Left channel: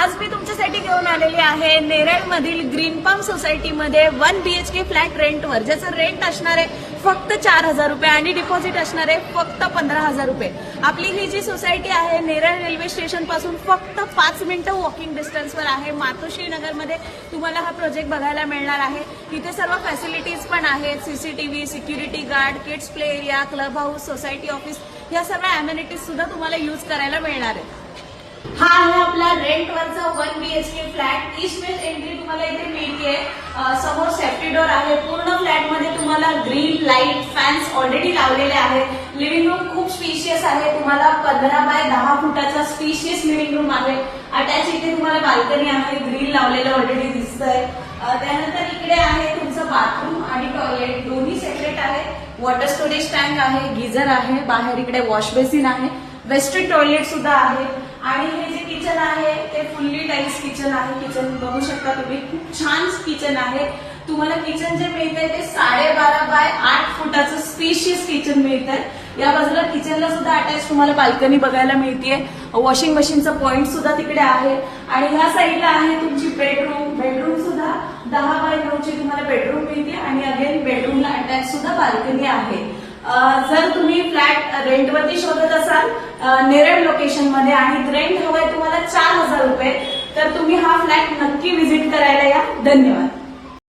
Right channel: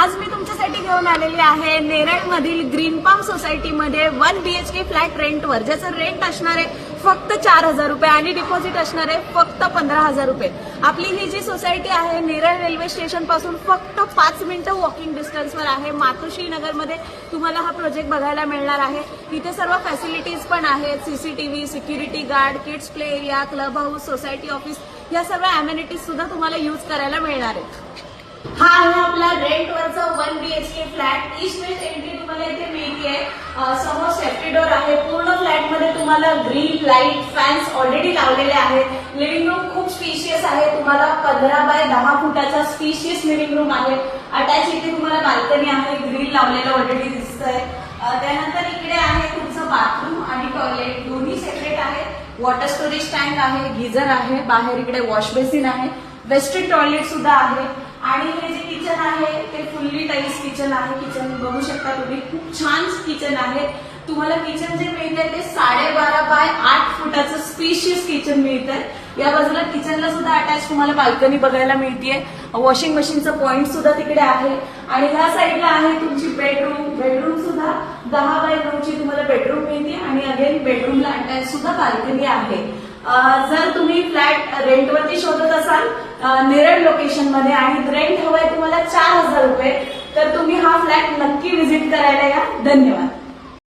आज मी तुमच्यासाठी घेऊन आलेली आहे नेरळमधील ग्रीन पाम सोसायटीमध्ये 1 BHK फ्लॅट रेंटवर, ज्याचं रेंट असणार आहे फक्त 4,000 रुपये आणि डिपॉझिट असणार आहे फक्त 15,000 रुपये। आपली ही जी सोसायटी आहे नेरळ रेल्वे स्टेशन पासून फक्त 5 मिनिटं वॉकिंग डिस्टन्सवर आहे। मातोश्री नगरमध्ये तुम्हाला हा प्रोजेक्ट बघायला मिळणार आहे। इथे सर्व फॅसिलिटीज पण आहेत, CCTV, security guard, kids play area, club house, society office, या सर्व अमेनिटीज सुद्धा तुम्हाला यूज करायला मिळणार आहे। हा आहे आपला रेंटवरचा 1 BHK flat. East west entry तुम्हाला इथे मिळते। समोर सेफ्टी डोर आहे। पूर्ण फ्लॅटमध्ये तुम्हाला ग्रीन लाईट, फॅन्स ऑलरेडी लावलेले आहेत। लिव्हिंग रूम खूप स्पेशियस आहे। तुम्हाला 15 बाय 10 फुटाचा स्पेशियस लिव्हिंग रूम आहे। अटॅच इथे तुम्हाला बाल्कनी आहे, ग्रिल लावलेलं ऑलरेडी दिसतंय। त्यानंतर इकडे आहे तुमचं बाथरूम आणि टॉयलेट, दोन्ही सेपरेट आहे। वॉटर स्टोरेज टँक आहे, गिझर आहे, बाहेर इकडे वॉश बेसिन आहे, वेस्टर्न टॉयलेट सुद्धा आहे। आणि हे जे किचन आहे ते फुल्ली टाईल्स किचन आहे। किचन बघू शकता तुम्ही, खूप छान किचन आहे। तुम्हाला किचन जे मिळतंय ते 12.5 बाय 8 फुटाचं स्पेशियस किचन मिळतंय। या बाजूला किचनला सुद्धा अटॅच तुम्हाला बाल्कनी बघायला मिळतेय। वॉशिंग मशीनचं पॉइंट सुद्धा तिकडे आहे। आणि ह्या साईडला आहे तुमची बेडरूम सुद्धा 10 बाय 9 ची तुम्हाला बेडरूम मिळते। आणि अगेन बेडरूमला अटॅच सुद्धा बाल्कनी आहे। जर तुम्ही फ्लॅट रेंटवरती शोधत असाल नेरळ लोकेशन मध्ये आणि रेंट हवंय तुम्हाला 4,000 रुपये, तर तुम्ही हा फ्लॅट नक्की व्हिजिट करायला या। धन्यवाद।